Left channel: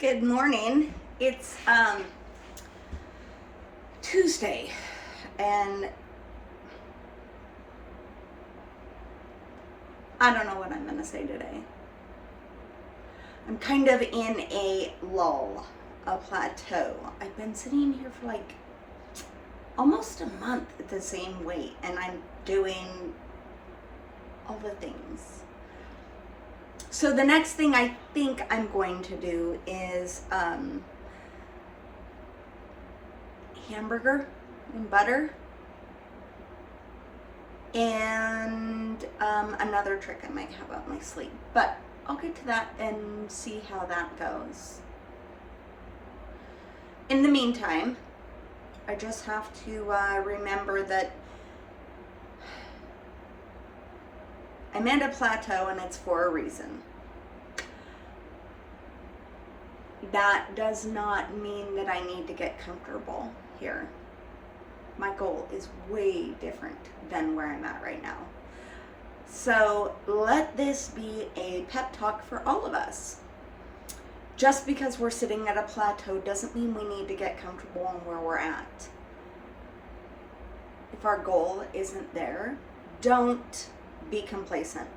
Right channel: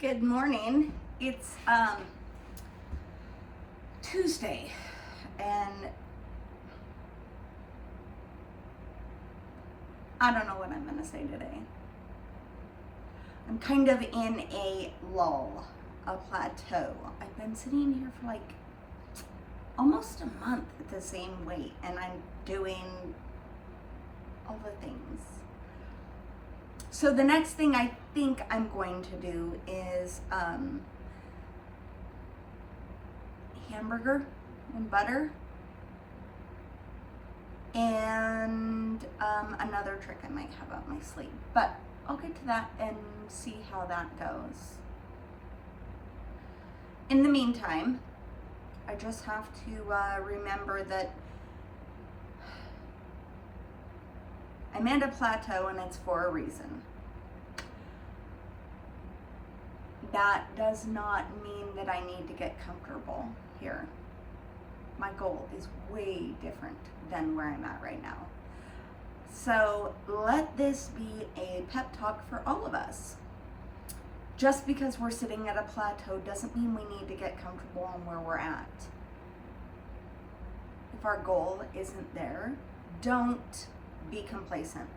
Good morning. It's Tuesday, and I don't know what I'm gonna say today. I'm kind of in a lull, a plateau. I've been sitting here for like almost a month at the same weight, and I'm doing all the things. So the next thing I think I'm going to do is hamburger and butter, and another trick I might have up my sleeve, but I'll get to that and see how that goes. In the meantime, I just have to remember that I'm at a plateau and it's for a reason. That does not mean that I need to get comfortable here. My goal is way different than where I'm at right now. So let this be a pep talk for all of us. Just because we're sitting at a plateau doesn't mean we need to get comfortable on where we're at. If our goal isn't there, don't be complacent.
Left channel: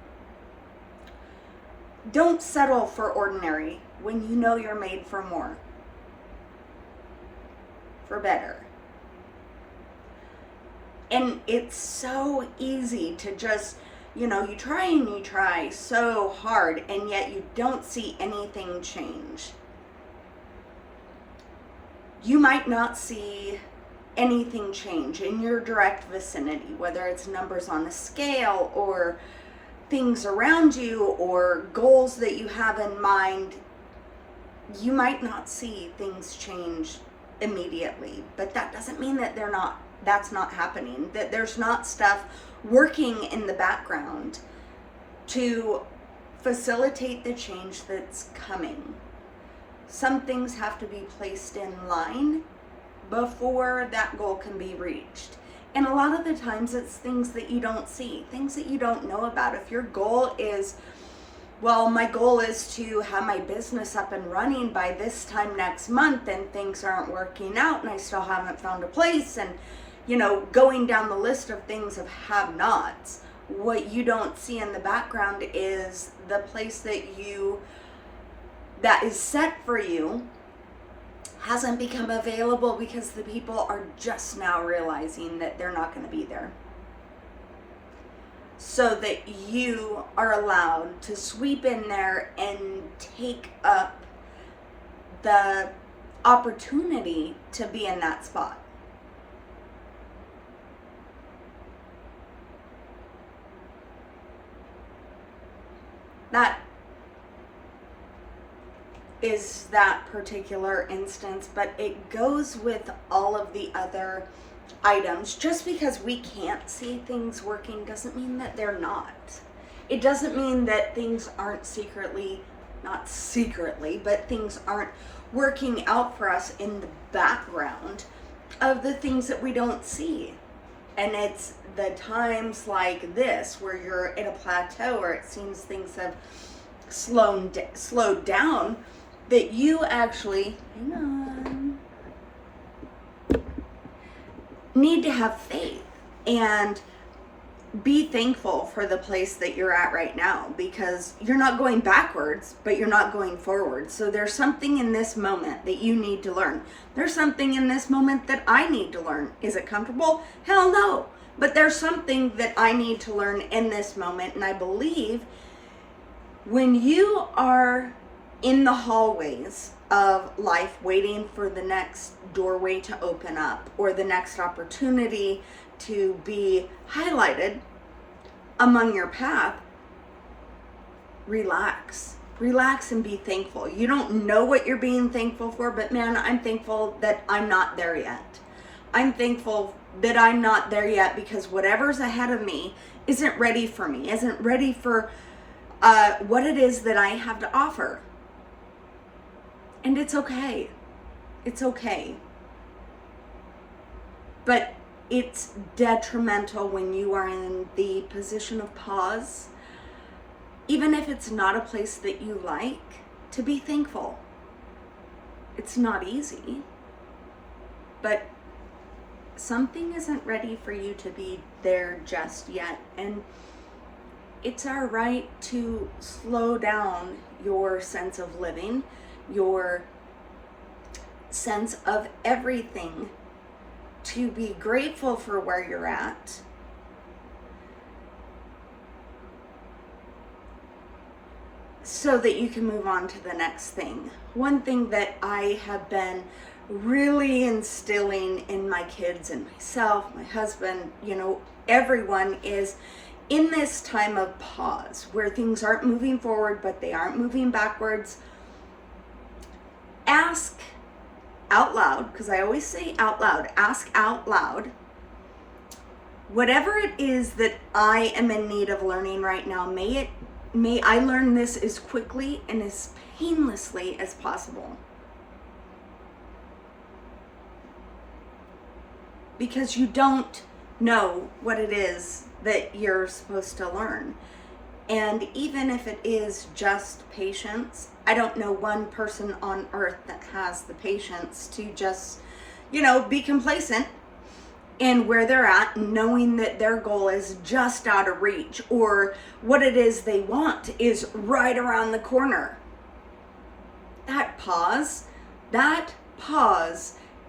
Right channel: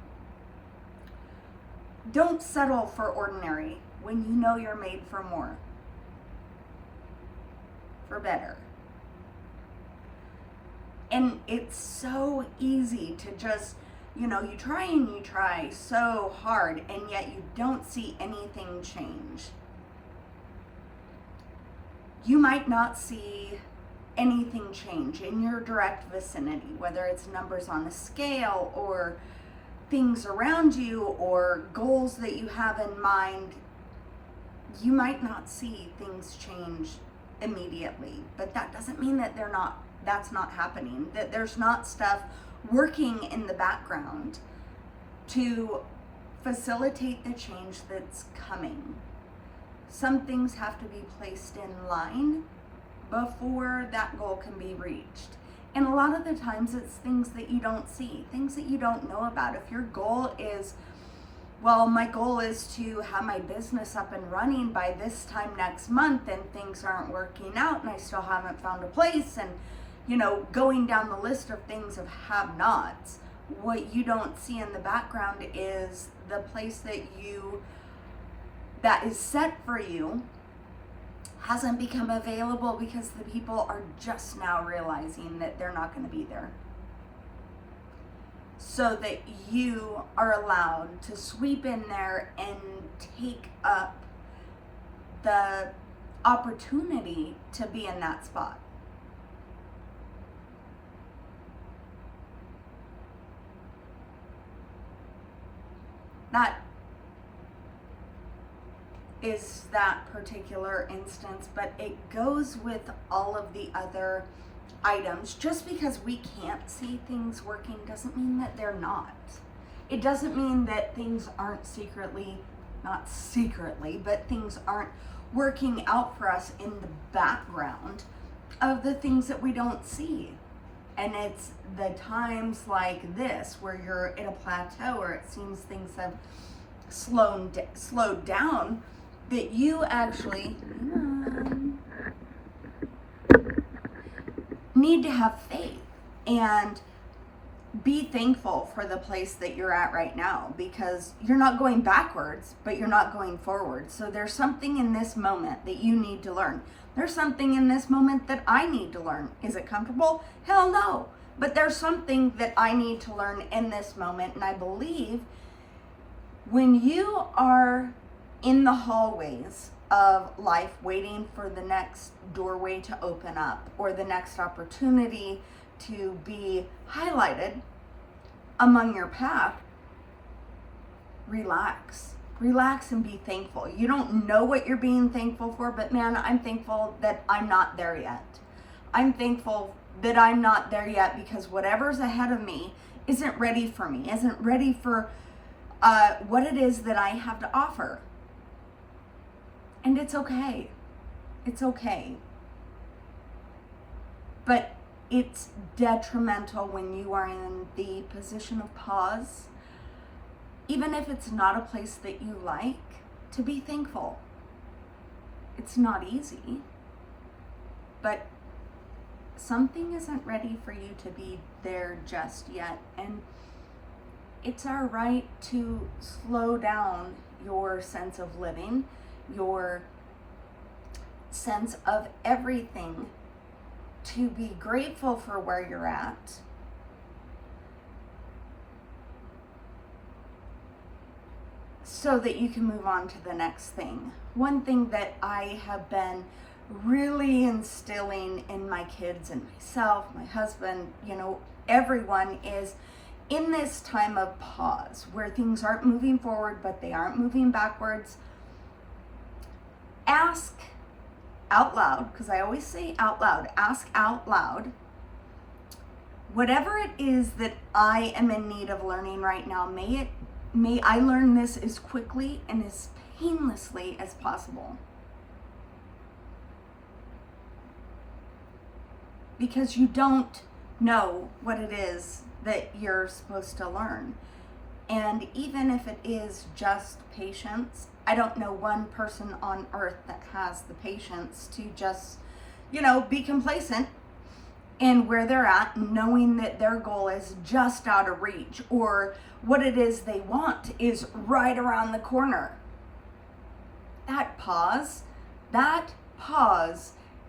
Don't settle for ordinary when you know you're made for more, for better. And it's so easy to just, you try and you try so hard, and yet you don't see anything change. You might not see anything change in your direct vicinity, whether it's numbers on a scale or things around you or goals that you have in mind. You might not see things change immediately, but that doesn't mean that that's not happening, that there's not stuff working in the background to facilitate the change that's coming. Some things have to be placed in line before that goal can be reached. And a lot of the times it's things that you don't see, things that you don't know about. If your goal is, well, my goal is to have my business up and running by this time next month, and things aren't working out and I still haven't found a place, and going down the list of things of have-nots, what you don't see in the background is the place that is set for you hasn't become available because the people are just now realizing that they're not going to be there. So that you are allowed to sweep in there and take up the opportunity to be in that spot. That is that particular instance, but it goes with all of the other items. Just because we can't see things working doesn't mean that they're not. It doesn't mean that things aren't not secretly, but things aren't working out for us in the background of the things that we don't see. And it's the times like this where you're at a plateau or it seems things have slowed down, that you actually need to have faith and be thankful for the place that you're at right now, because you're not going backwards, but you're not going forward. So there's something in this moment that you need to learn. There's something in this moment that I need to learn. Is it comfortable? Hell no. But there's something that I need to learn in this moment. And I believe when you are in the hallways of life waiting for the next doorway to open up or the next opportunity to be highlighted among your path, relax and be thankful. You don't know what you're being thankful for, but man, I'm thankful that I'm not there yet. I'm thankful that I'm not there yet because whatever's ahead of me isn't ready for me, isn't ready for what it is that I have to offer. And it's okay. It's okay. But it's detrimental when you are in the position of pause, even if it's not a place that you like, to be thankful. It's not easy, but something isn't ready for you to be there just yet. And it's our right to slow down your sense of living, your sense of everything, to be grateful for where you're at, so that you can move on to the next thing. One thing that I have been really instilling in my kids and myself, my husband, everyone, is in this time of pause where things aren't moving forward, but they aren't moving backwards. Ask out loud, because I always say out loud, ask out loud, whatever it is that I am in need of learning right now, may I learn this as quickly and as painlessly as possible. Because you don't know what it is that you're supposed to learn. And even if it is just patience, I don't know one person on earth that has the patience to just, be complacent in where they're at, knowing that their goal is just out of reach, or what it is they want is right around the corner. That pause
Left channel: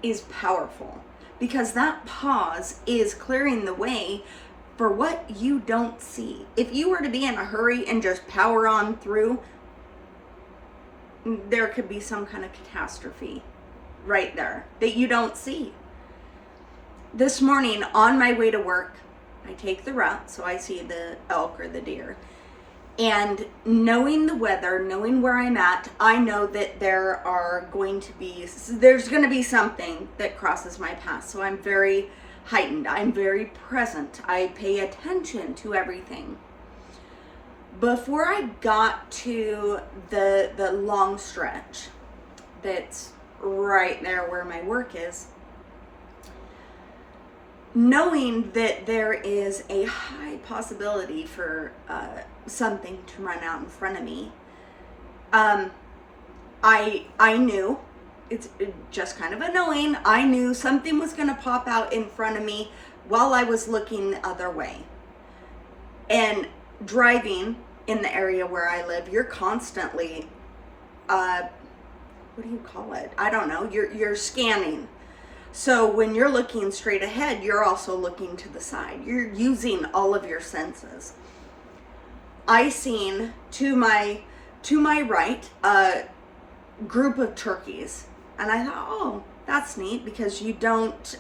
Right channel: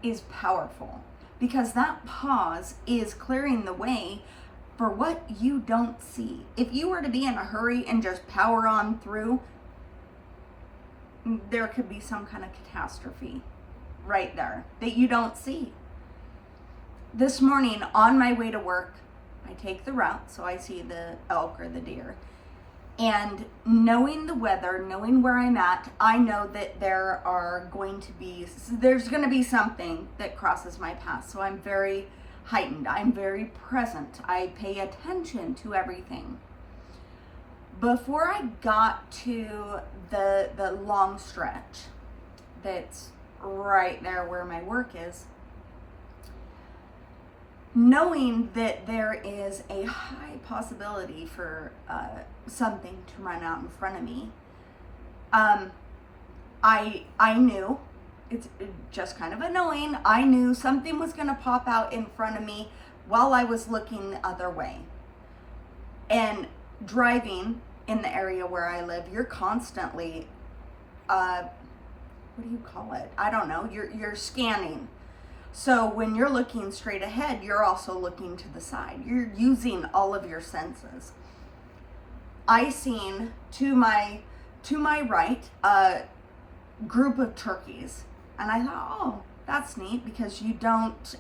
is powerful, because that pause is clearing the way for what you don't see. If you were to be in a hurry and just power on through, there could be some kind of catastrophe right there that you don't see. This morning on my way to work, I take the route so I see the elk or the deer. And knowing the weather, knowing where I'm at, I know that there's going to be something that crosses my path. So I'm very heightened. I'm very present. I pay attention to everything. Before I got to the long stretch that's right there where my work is, knowing that there is a high possibility for something to run out in front of me, I knew, it's just kind of a knowing, I knew something was going to pop out in front of me while I was looking the other way. And driving in the area where I live, you're constantly, what do you call it? I don't know. You're scanning. So when you're looking straight ahead, you're also looking to the side. You're using all of your senses. I seen to my right a group of turkeys, and I thought, oh, that's neat, because you don't,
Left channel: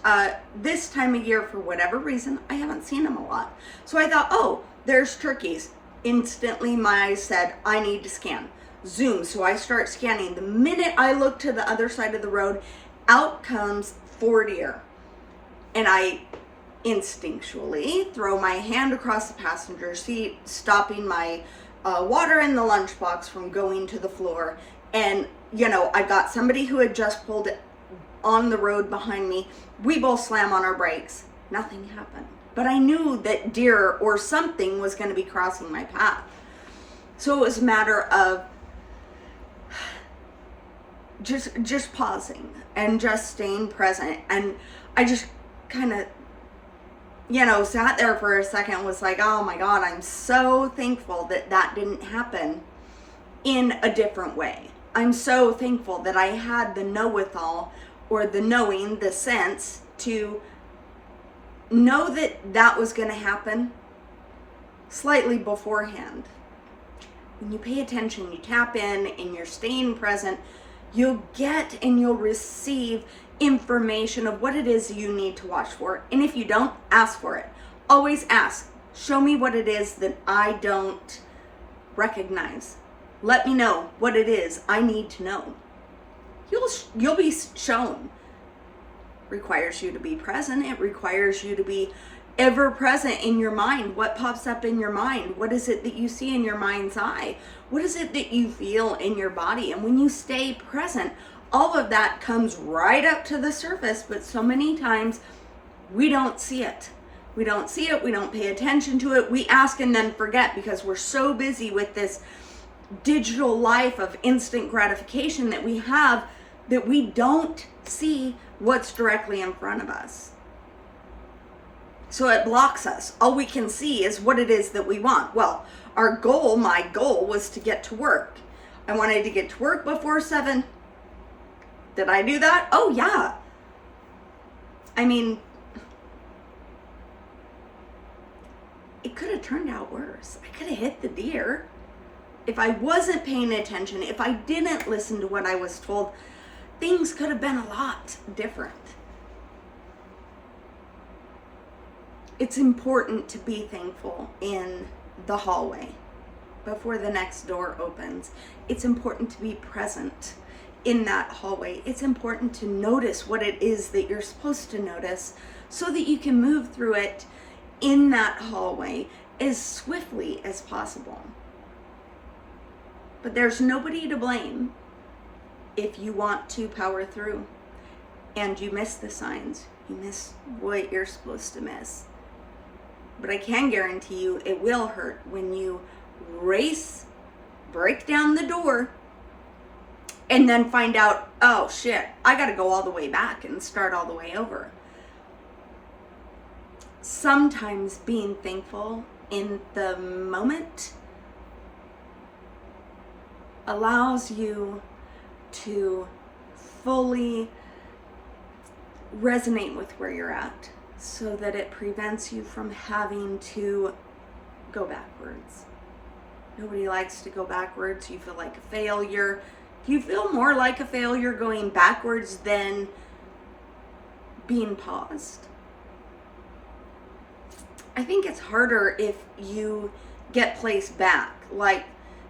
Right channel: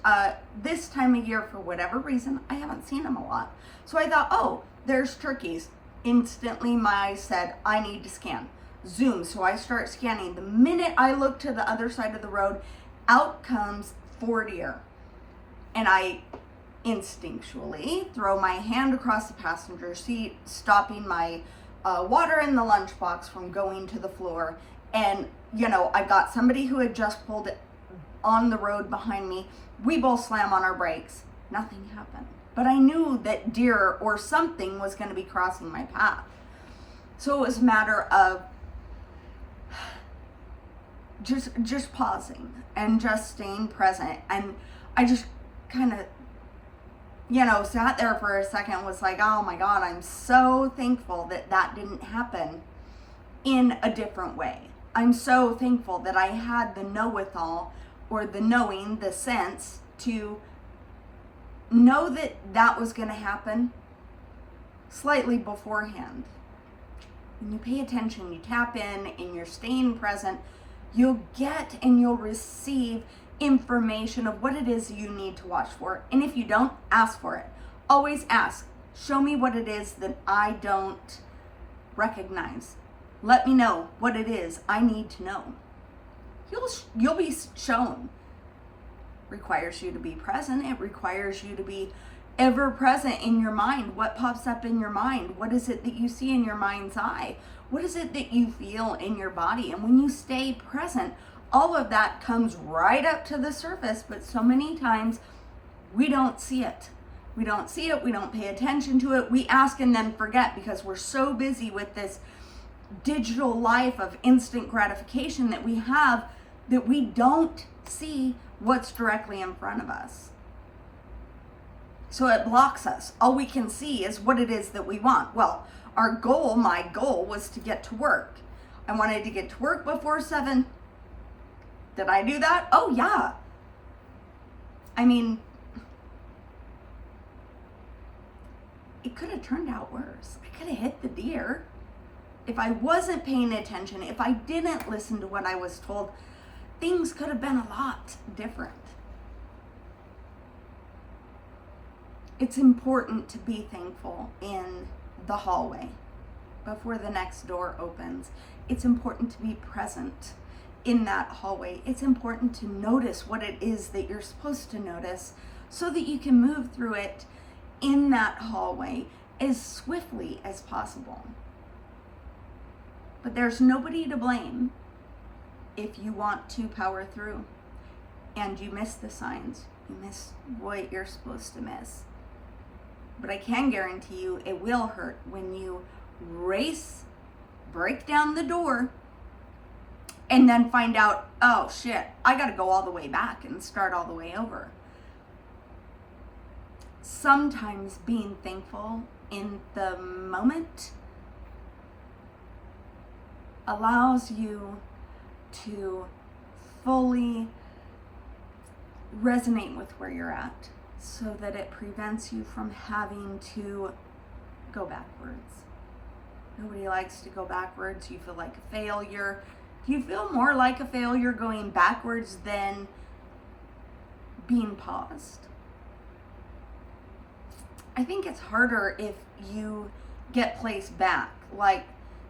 this time of year, for whatever reason, I haven't seen them a lot. So I thought, oh, there's turkeys. Instantly my eyes said, I need to scan. Zoom. So I start scanning. The minute I look to the other side of the road, out comes 4 deer. And I instinctually throw my hand across the passenger seat, stopping my water in the lunchbox from going to the floor. And, I got somebody who had just pulled on the road behind me. We both slam on our brakes. Nothing happened. But I knew that deer or something was going to be crossing my path. So it was a matter of just pausing and just staying present. And I just kind of, sat there for a second and was like, oh my God, I'm so thankful that didn't happen in a different way. I'm so thankful that I had the know-withal, or the knowing, the sense to know that was going to happen slightly beforehand. When you pay attention, you tap in, and you're staying present, you'll get and you'll receive information of what it is you need to watch for. And if you don't, ask for it. Always ask. Show me what it is that I don't recognize. Let me know what it is I need to know. You'll be shown. Requires you to be present. It requires you to be ever present in your mind. What pops up in your mind? What is it that you see in your mind's eye? What is it that you feel in your body? And when you stay present, all of that comes right up to the surface, but so many times we don't see it. We don't see it. We don't pay attention to it. We ask and then forget, because we're so busy with this digital life of instant gratification that we have that we don't see what's directly in front of us. So it blocks us. All we can see is what it is that we want. Well, my goal was to get to work. I wanted to get to work before 7. Did I do that? Oh yeah. I mean, it could have turned out worse. I could have hit the deer. If I wasn't paying attention, if I didn't listen to what I was told, things could have been a lot different. It's important to be thankful in the hallway before the next door opens. It's important to be present in that hallway. It's important to notice what it is that you're supposed to notice so that you can move through it in that hallway as swiftly as possible. But there's nobody to blame if you want to power through and you miss the signs. You miss what you're supposed to miss. But I can guarantee you it will hurt when you break down the door, and then find out, oh shit, I gotta go all the way back and start all the way over. Sometimes being thankful in the moment allows you to fully resonate with where you're at, so that it prevents you from having to go backwards. Nobody likes to go backwards. You feel like a failure. Do you feel more like a failure going backwards than being paused? I think it's harder if you get placed back, like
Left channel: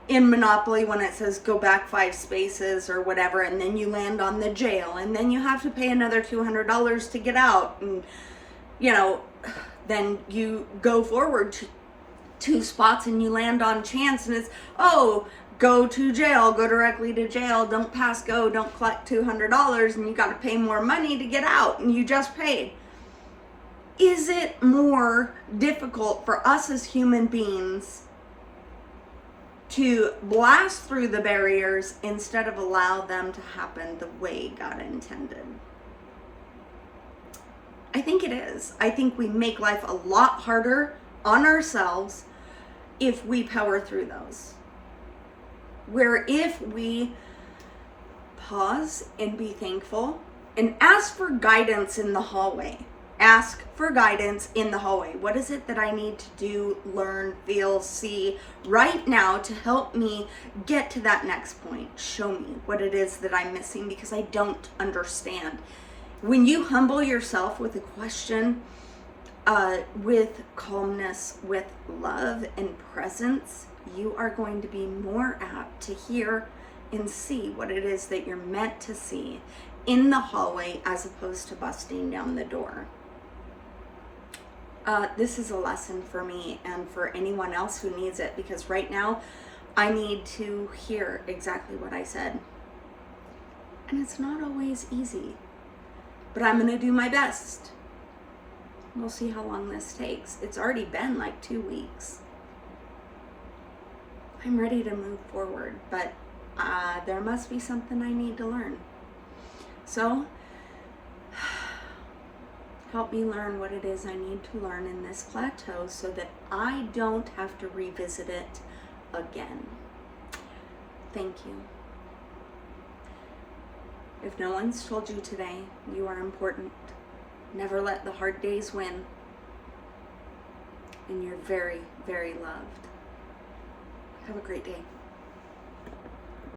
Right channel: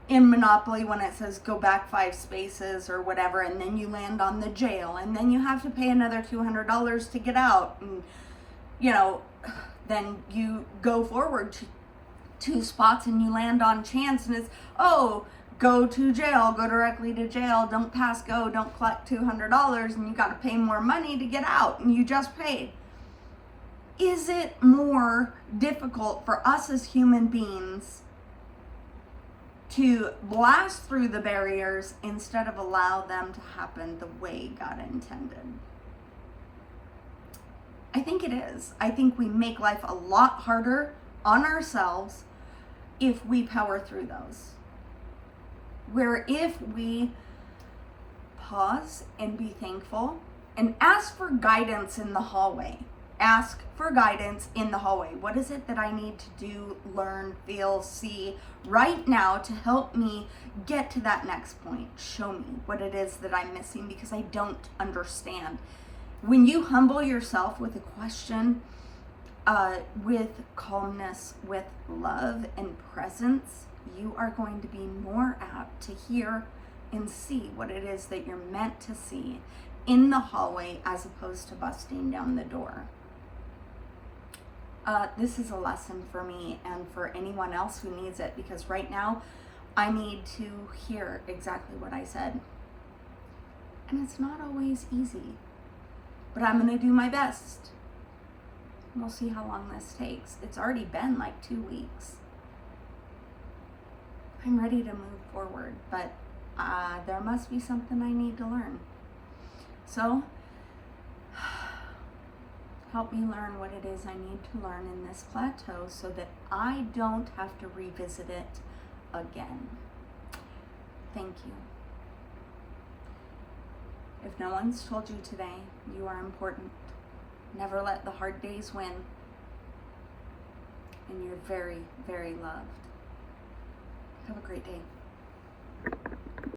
in Monopoly when it says go back 5 spaces or whatever, and then you land on the jail, and then you have to pay another $200 to get out, and then you go forward to 2 spots and you land on chance, and it's, oh, go to jail, go directly to jail, don't pass go, don't collect $200, and you got to pay more money to get out, and you just paid. Is it more difficult for us as human beings to blast through the barriers instead of allow them to happen the way God intended? I think it is. I think we make life a lot harder on ourselves if we power through those. Where if we pause and be thankful and ask for guidance in the hallway. Ask for guidance in the hallway. What is it that I need to do, learn, feel, see right now to help me get to that next point? Show me what it is that I'm missing because I don't understand. When you humble yourself with a question, with calmness, with love and presence, you are going to be more apt to hear and see what it is that you're meant to see in the hallway as opposed to busting down the door. This is a lesson for me and for anyone else who needs it, because right now I need to hear exactly what I said. And it's not always easy, but I'm going to do my best. We'll see how long this takes. It's already been like 2 weeks. I'm ready to move forward, but there must be something I need to learn. So, help me learn what it is I need to learn in this plateau so that I don't have to revisit it again. Thank you. If no one's told you today, you are important. Never let the hard days win. And you're very, very loved. Have a great day.